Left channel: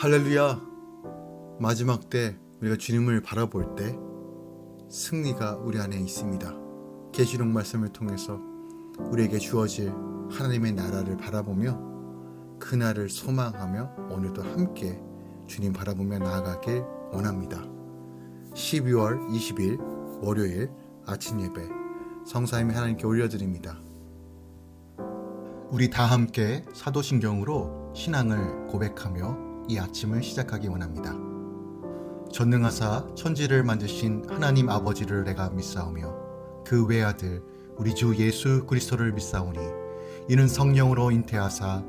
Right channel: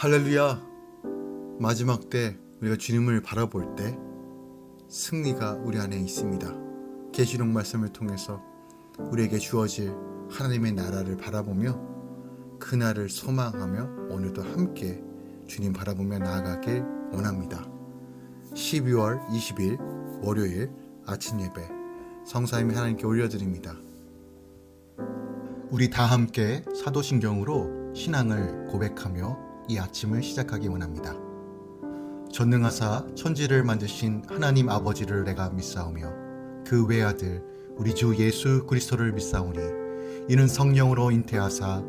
할렐루야. 마지막 때 우리가 주님을 바라볼 때 승리가 우리 안에 있습니다. 계시록 말씀을 통해서 우리에게 주어질 하나님의 나라를 바라보며 그날을 소망하며 오늘도 함께 주님 바라보며 나아가길 원합니다. 12월 20일 월요일 아침 예배 성사임이 하나님께 올려드립니다. 우리 다 함께 사도신경으로 신앙을 고백하며 이 아침을 시작하기 원합니다. 전능하사 천지를 만드신 하나님 아버지를 내가 믿사오며 그 외아들 우리 주 예수 그리스도를 믿사오니 이는 성령으로 잉태하사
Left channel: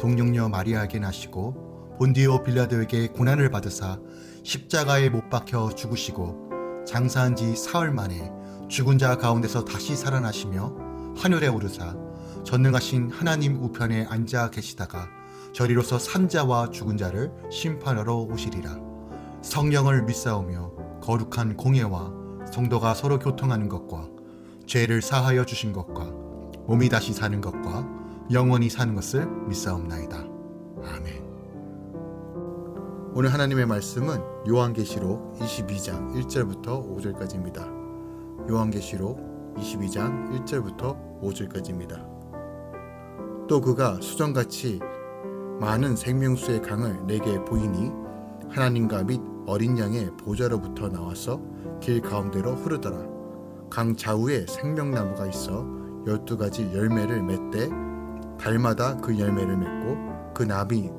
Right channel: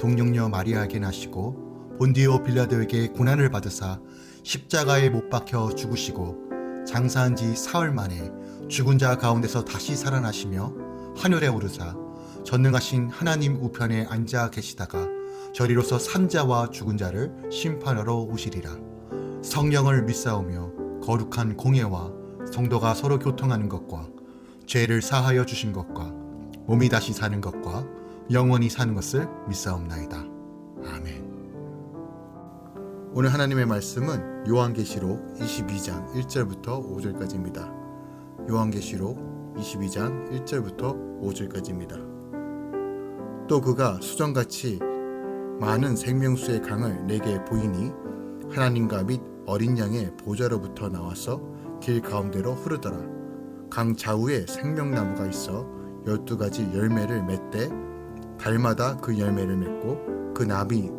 동정녀 마리아에게 나시고 본디오 빌라도에게 고난을 받으사 십자가에 못 박혀 죽으시고 장사한 지 사흘 만에 죽은 자 가운데서 다시 살아나시며 하늘에 오르사 전능하신 하나님 우편에 앉아 계시다가 저리로서 산자와 죽은 자를 심판하러 오시리라. 성령을 믿사오며 거룩한 공예와 성도가 서로 교통하는 것과 죄를 사하여 주신 것과 몸이 다시 사는 것과 영원히 사는 것을 믿사옵나이다. 아멘. 오늘 하나님의 말씀은 요한계시록 22장 1절부터 5절까지입니다. 요한계시록 22장 1절부터 5절까지입니다. 또 그가 수정같이 많은 생명수의 강을 내게 보이니 하나님과 및 어린 양의 보좌로부터 나와서 길 가운데로 흐르더라. 강 좌우에 생명나무가 있어 12가지 열매를 맺되 달마다 그 열매를 맺고 그 나비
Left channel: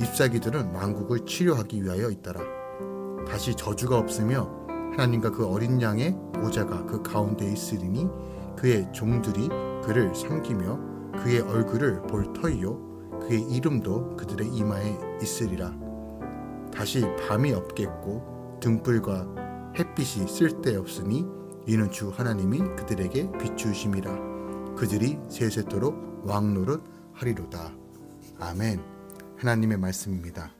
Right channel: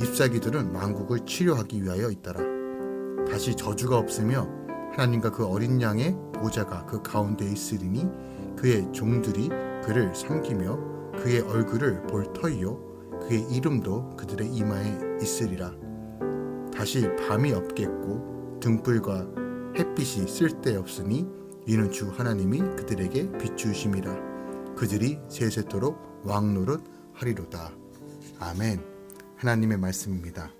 잎사귀들은 만국을 치료하기 위하여 있더라. 다시 저주가 없으며 하나님과 그 어린 양의 보좌가 그 가운데 있으리니 그의 종들이 그를 섬기며 그의 얼굴을 볼 터이요 그의 이름도 그들의 이마에 있으리라. 다시 밤이 없겠고 등불과 햇빛이 쓸데없으니 이는 주 하나님이 그들에게 비추심이라. 그들이 세세토록 왕노릇 하리로다. 아멘. 하나님의 말씀입니다.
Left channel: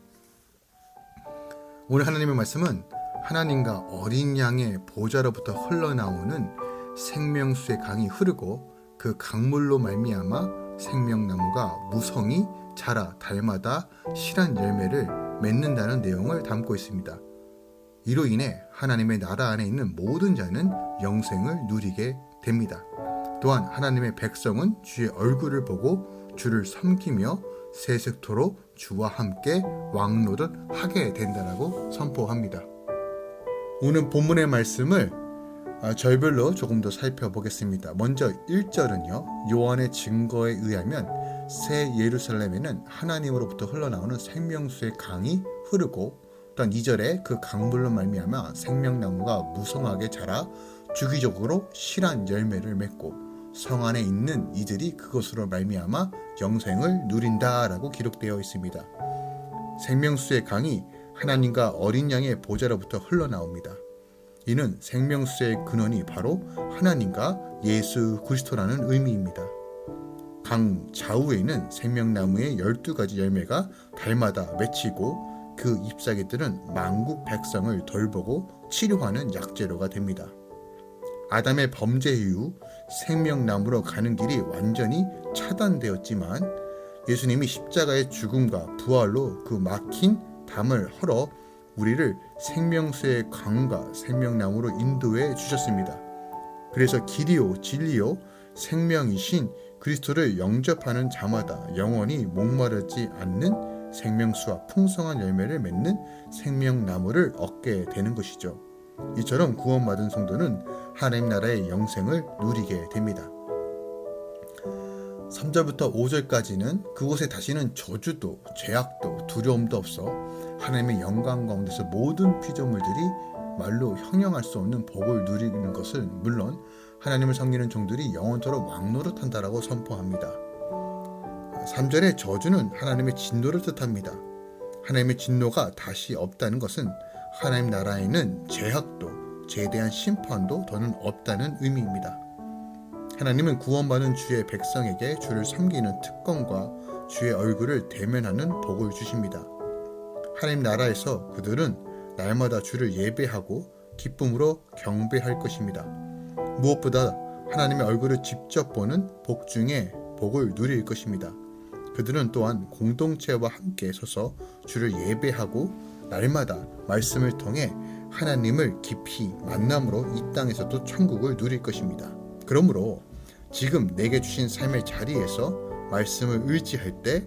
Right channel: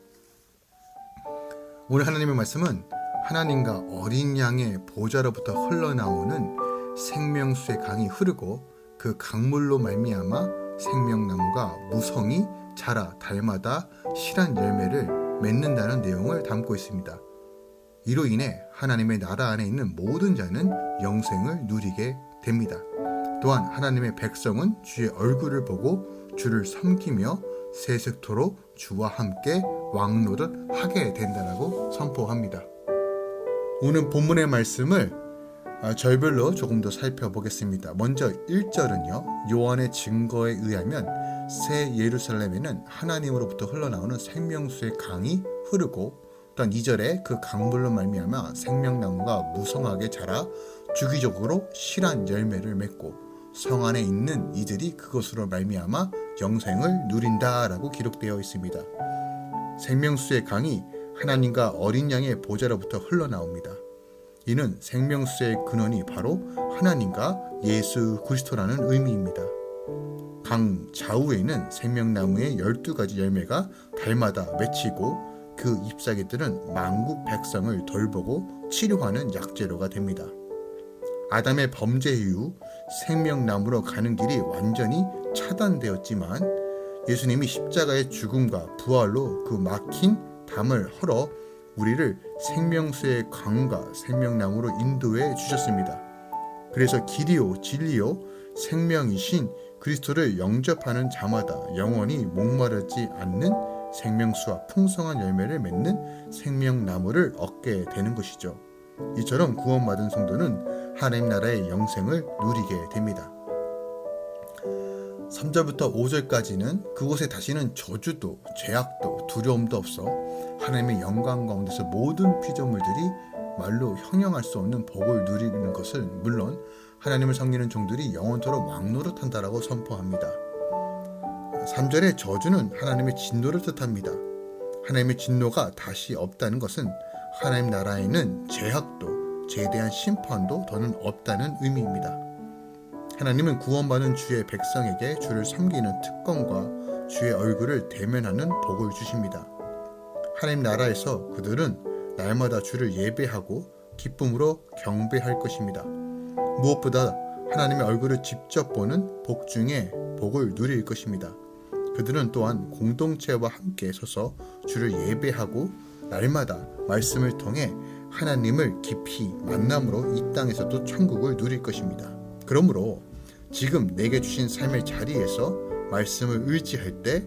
오늘 하나님의 말씀은 하나님과 어린 양의 보좌로부터 흘러나오는 생명수의 강이 흐르고 그 강물로 말미암아 생명나무가 무성히 자라 달마다 실한 열매를 맺는다는 내용을 담고 있습니다. 이로 인해 하나님의 나라 안에 있는 모든 자는 영생을 누리게 됩니다. 또한 하나님의 백성은 주의 얼굴을 보고 주를 섬기며 세세토록 주와 함께 왕노릇 하게 된다라고 선포합니다. 오늘 본문의 말씀을 절별로 조금 더 살펴보겠습니다. 먼저 1절은요. 요한의 증거에 의하면 새 예루살렘에는 하나님으로부터 흘러나오는 생명수의 강이 흐르고 또한 2절에 그 강물로 말미암아 생명나무가 무성하게 자라 주기적으로 실한 열매를 맺고 성 안에 있는 이들이 그것으로 말미암아 영생을 누린다라고 기록되어 있습니다. 생명수의 강이 하나님과 어린 양의 보좌로부터 흘러나옵니다. 이는 생명수의 근원이 바로 하나님과 예수 그리스도라는 의미입니다. 강 좌우에는 생명나무의 12가지 열매가 달마다 맺히고 그 잎사귀들은 만국 백성을 돌보고 치료하는 약재료가 됩니다. 아담의 범죄 이후 생명나무로 가는 길이 완전히 차단되었지만 예수님이 십자가의 죽음과 부활로 그 막힌 담을 헐어 우리를 생명수의 강과 생명나무로 인도해 주셨습니다. 그래서 길이요 진리요 생명이신 그리스도를 영접하는 자마다 영원히 목마르지 않는 생명수와 풍성한 열매를 맺는 생명나무를 얻게 되는 것이죠. 이처럼 구원받은 성도는 하나님 나라의 영생을 누리게 됩니다. 3절부터 5절까지는 그곳에 다시는 저주도 죄악도 두려움도 없어 하나님의 영광 가운데서 모든 피조물들이 말로 형용할 수 없는 복을 누리는 것을 물론 하나님을 섬기는 종들이 영원토록 왕노릇한다라고 선포합니다. 3절의 저주는 하나님의 진노를 뜻합니다. 하나님의 진노가 다시 없다는 것은 하나님 나라에는 죄악도 죄에 대한 심판도 더는 없다는 의미입니다. 하나님은 구원받은 주의 백성에게 주를 섬기는 특권과 주의 얼굴을 대면하는 복을 주십니다. 하나님 나라에서 그들은 날마다 주를 예배하고 기쁨으로 경배할 것입니다. 무엇보다 하나님의 얼굴을 직접 보는 복 중에 복을 누릴 것입니다. 그들은 또한 공동체와 함께 서서 주를 예배하고 날마다 말씀을 통해 하나님을 깊이 만남으로 이 땅에서도 천국을 누릴 것입니다. 그러므로 지금 내게 주신 삶의 자리에서 말씀을 의지할 때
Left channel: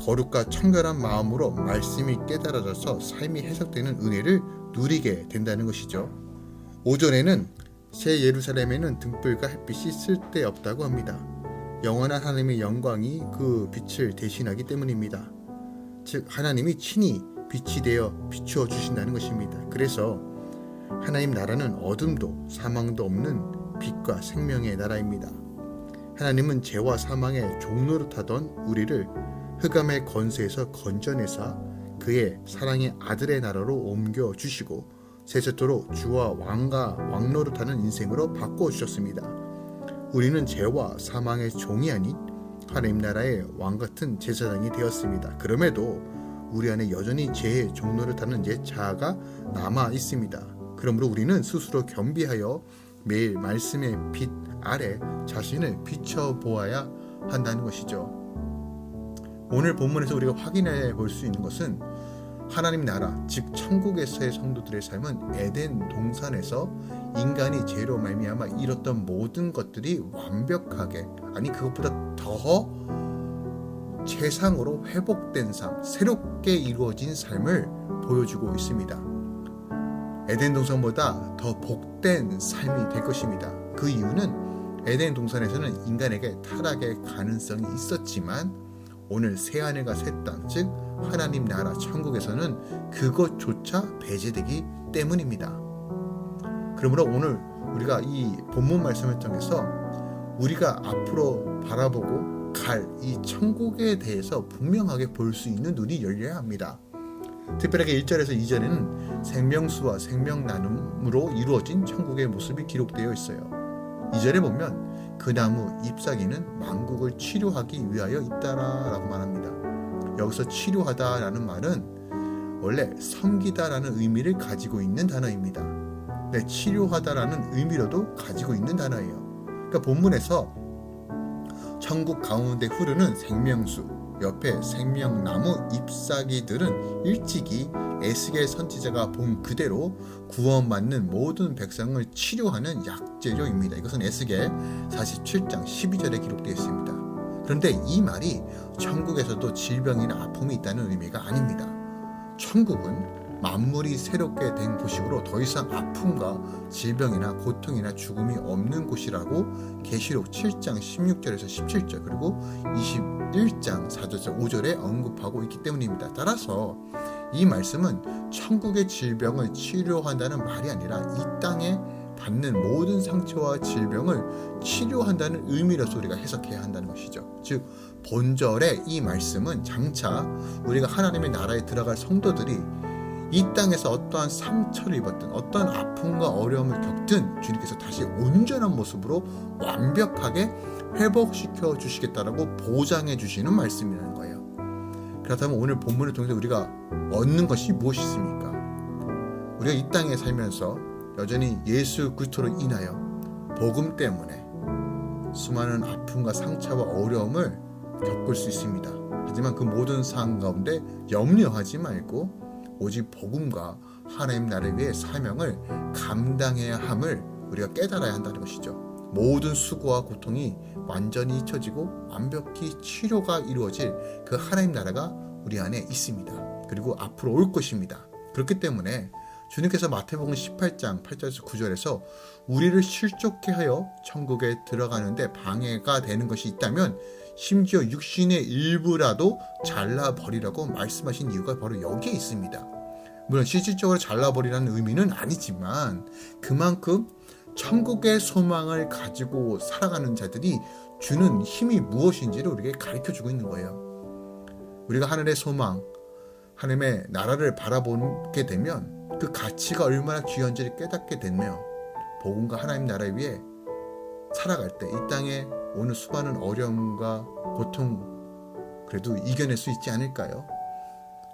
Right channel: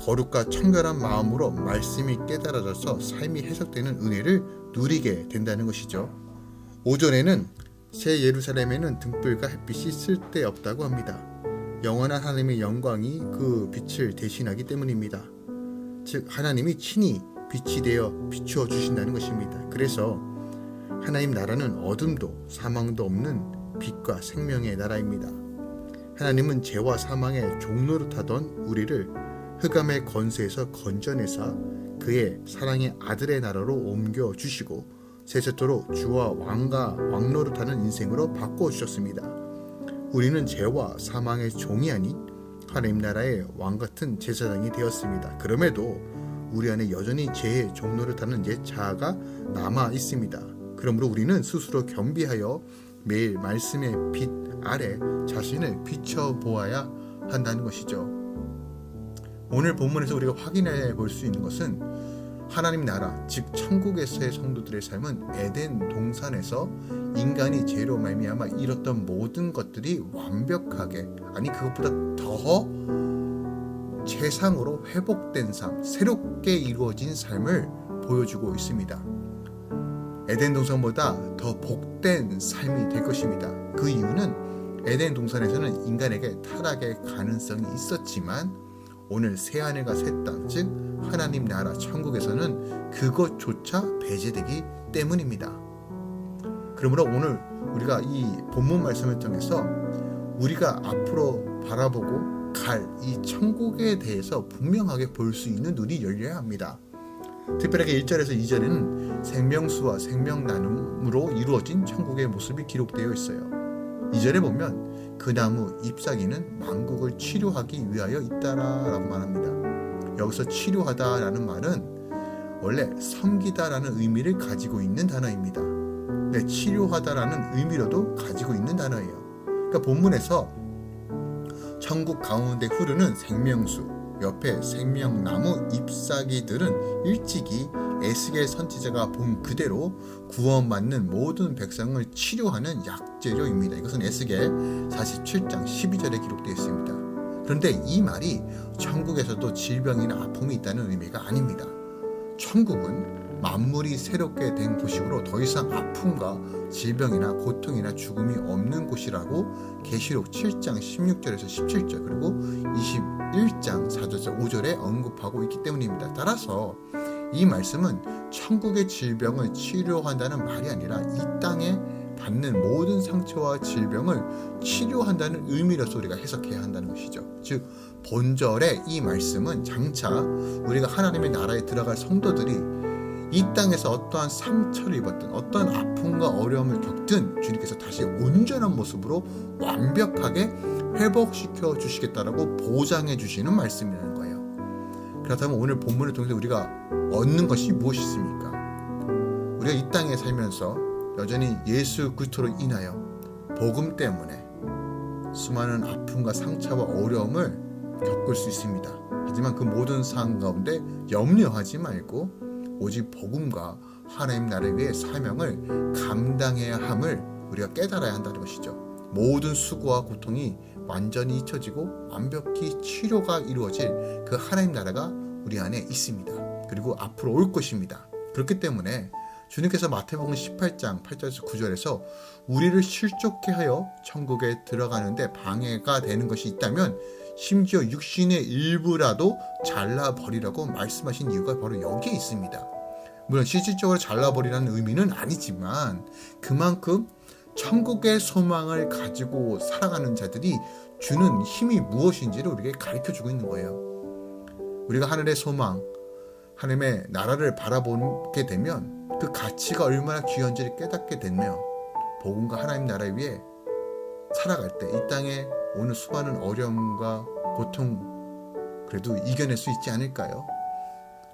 거룩과 청결한 마음으로 말씀이 깨달아져서 삶이 해석되는 은혜를 누리게 된다는 것이죠. 오전에는 새 예루살렘에는 등불과 햇빛이 쓸데없다고 합니다. 영원한 하나님의 영광이 그 빛을 대신하기 때문입니다. 즉 하나님이 친히 빛이 되어 비추어 주신다는 것입니다. 그래서 하나님 나라는 어둠도 사망도 없는 빛과 생명의 나라입니다. 하나님은 죄와 사망의 종노릇하던 우리를 흑암의 권세에서 건져내사 그의 사랑의 아들의 나라로 옮겨주시고 세세토록 주와 왕노릇하는 인생으로 바꿔주셨습니다. 우리는 죄와 사망의 종이 아닌 하나님 나라의 왕같은 제사장이 되었습니다. 그럼에도 우리 안에 여전히 죄의 종노릇하는 옛 자아가 남아 있습니다. 그러므로 우리는 스스로 겸비하여 매일 말씀의 빛 아래 자신을 비춰보아야 한다는 것이죠. 오늘 본문에서 우리가 확인해 볼 수 있는 것은 하나님 나라, 즉 천국에서의 성도들의 삶은 에덴 동산에서 인간이 죄로 말미암아 잃었던 모든 것들이 완벽하게, 아니 그것보다 더 최상으로 회복된 삶, 새롭게 이루어진 삶을 보여주고 있습니다. 에덴 동산보다 더 복된 삶이 될 것입니다. 그 이유는 에덴 동산에서는 인간에게 타락의 가능성이 있었지만 오늘 새하늘과 새 땅, 즉 하나님 나라 천국에서는 그것조차 배제되기 때문입니다. 그러므로 오늘 우리가 이 본문 말씀을 통해서 우리가 앞으로 바라보고 갈 이 천국에 대해서 분명하게 볼 수 있는 눈이 열려야 합니다. 특별하게 1절에서 2절에는 생명수와 생명나눔으로 이루어진 천국의 모습이 기록되어 있어요. 2절에 보면 그 나무 잎사귀는 만국을 치료하기 위하여 있다라고 말합니다. 여기서 치료하다라는 말은 원래 섬기다라는 의미를 가지고 있는 단어입니다. 네, 치료하다라는 의미로도 가지고 있는 단어예요. 그러니까 본문에서 천국 가운데 흐르는 생명수, 옆에 생명나무 잎사귀들은 일찍이 에스겔 선지자가 본 그대로 구원받는 모든 백성을 치료하는 약재료입니다. 이것은 에스겔 47장 12절에 기록되어 있습니다. 그런데 이 말이 천국에서도 질병이나 아픔이 있다는 의미가 아닙니다. 천국은 만물이 새롭게 된 곳이므로 더 이상 아픔과 질병이나 고통이나 죽음이 없는 곳이라고 계시록 7장 16절에서 17절 그리고 21장 4절에서 5절에 언급하고 있기 때문입니다. 따라서 이 말씀은 천국의 질병을 치료한다는 말이 아니라 이 땅에 받는 모든 상처와 질병을 치료한다는 의미로서 우리가 해석해야 한다는 것이죠. 즉 본절의 이 말씀은 장차 우리가 하나님의 나라에 들어갈 성도들이 이 땅에서 어떠한 상처를 입었든 어떠한 아픔과 어려움을 겪든 주님께서 다시 온전한 모습으로 완벽하게 회복시켜 주시겠다라고 보장해 주시는 말씀이라는 거예요. 그렇다면 오늘 본문을 통해서 우리가 얻는 것이 무엇이 있습니까? 우리가 이 땅에 살면서 여전히 예수 그리스도로 인하여 복음 때문에 수많은 아픔과 상처와 어려움을 겪을 수 있습니다. 하지만 그 모든 상황 가운데 염려하지 말고 오직 복음과 하나님 나라를 위해 사명을 감당해야 함을 우리가 깨달아야 한다는 것이죠. 모든 수고와 고통이 완전히 잊혀지고 완벽히 치료가 이루어질 그 하나님 나라가 우리 안에 있습니다. 그리고 앞으로 올 것입니다. 그렇기 때문에 주님께서 마태복음 18장 8절에서 9절에서 우리를 실족케 하여 천국에 들어가는데 방해가 되는 것이 있다면 심지어 육신의 일부라도 잘라버리라고 말씀하신 이유가 바로 여기에 있습니다. 물론 실질적으로 잘라버리라는 의미는 아니지만 그만큼 천국의 소망을 가지고 살아가는 자들이 주는 힘이 무엇인지를 우리에게 가르쳐주고 있는 거예요. 우리가 하늘의 소망, 하나님의 나라를 바라보게 되면 그 가치가 얼마나 귀한지를 깨닫게 되며 복음과 하나님 나라 위에 살아갈 때 이 땅에 오는 수많은 어려움과 고통 그래도 이겨낼 수 있지 않을까요?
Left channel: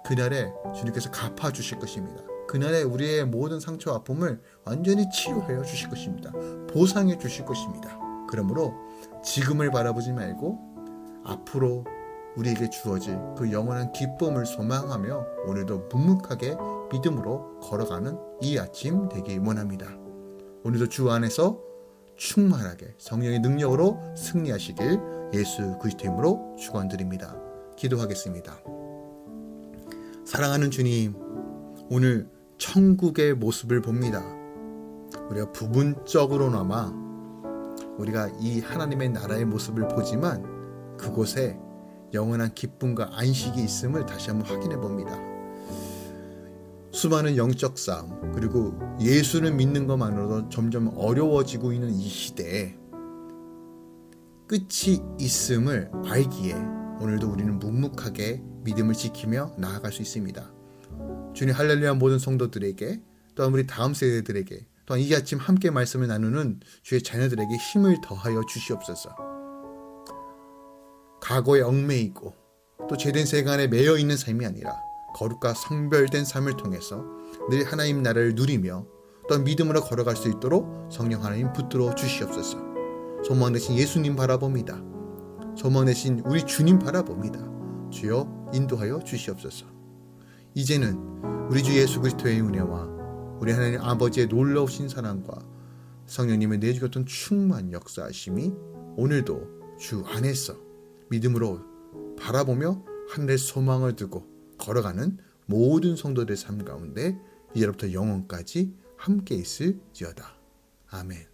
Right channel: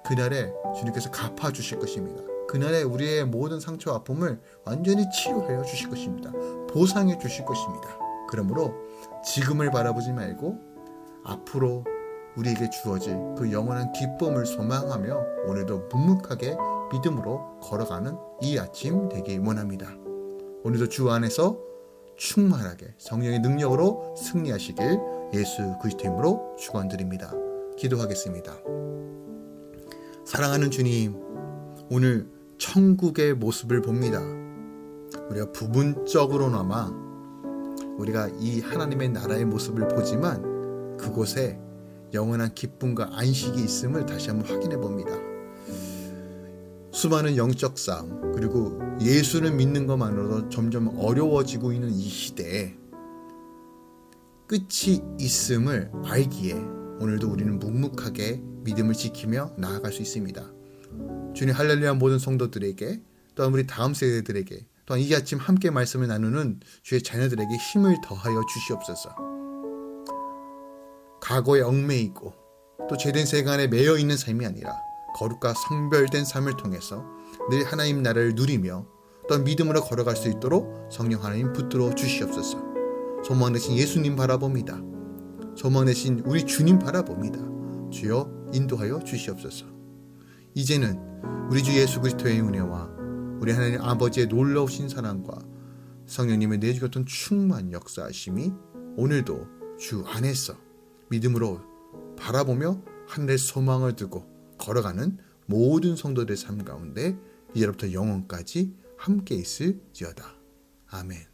그날에 주님께서 갚아주실 것입니다. 그날에 우리의 모든 상처와 아픔을 완전히 치료하여 주실 것입니다. 보상해 주실 것입니다. 그러므로 지금을 바라보지 말고 앞으로 우리에게 주어질 그 영원한 기쁨을 소망하며 오늘도 묵묵하게 믿음으로 걸어가는 이 아침 되길 원합니다. 오늘도 주 안에서 충만하게 성령의 능력으로 승리하시길 예수 그리스도 이름으로 축원드립니다. 기도하겠습니다. 사랑하는 주님, 오늘 천국의 모습을 봅니다. 우리가 부분적으로나마 우리가 이 하나님의 나라의 모습을 보지만 그곳에 영원한 기쁨과 안식이 있음을 다시 한번 확인해 봅니다. 수많은 영적 싸움, 그리고 예수를 믿는 것만으로도 점점 어려워지고 있는 이 시대에 끝이 있음을 알기에 오늘도 우리는 묵묵하게 믿음을 지키며 나아갈 수 있습니다. 주님, 할렐루야. 모든 성도들에게, 또한 우리 다음 세대들에게, 또한 이 아침 함께 말씀을 나누는 주의 자녀들에게 힘을 더하여 주시옵소서. 과거에 얽매이고 또 죄된 세간에 매여 있는 삶이 아니라 거룩과 성별된 삶을 통해서 늘 하나님 나라를 누리며 또 믿음으로 걸어갈 수 있도록 성령 하나님 붙들어 주시옵소서. 소망 되신 예수님 바라봅니다. 소망 되신 우리 주님 바라봅니다. 주여 인도하여 주시옵소서. 이제는 우리 주 예수 그리스도의 은혜와 우리 하나님 아버지의 놀라우신 사랑과 성령님의 내주셨던 충만 역사하심이 오늘도 주 안에서 믿음으로 바라보며 하늘의 소망을 두고 걸어가는 모든 성도들의 삶 가운데 이제부터 영원까지 함께 있을지어다. 아멘.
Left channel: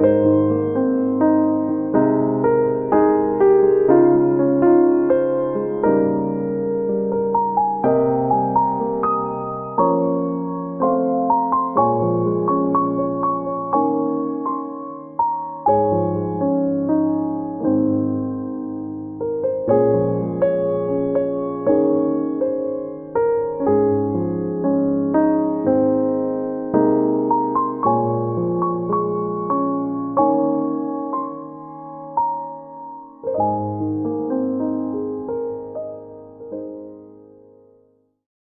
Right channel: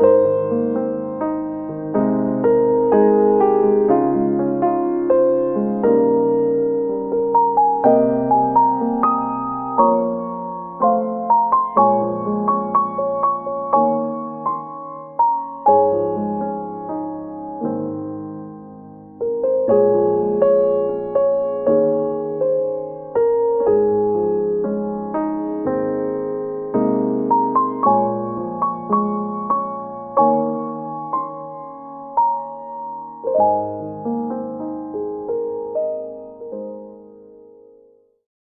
주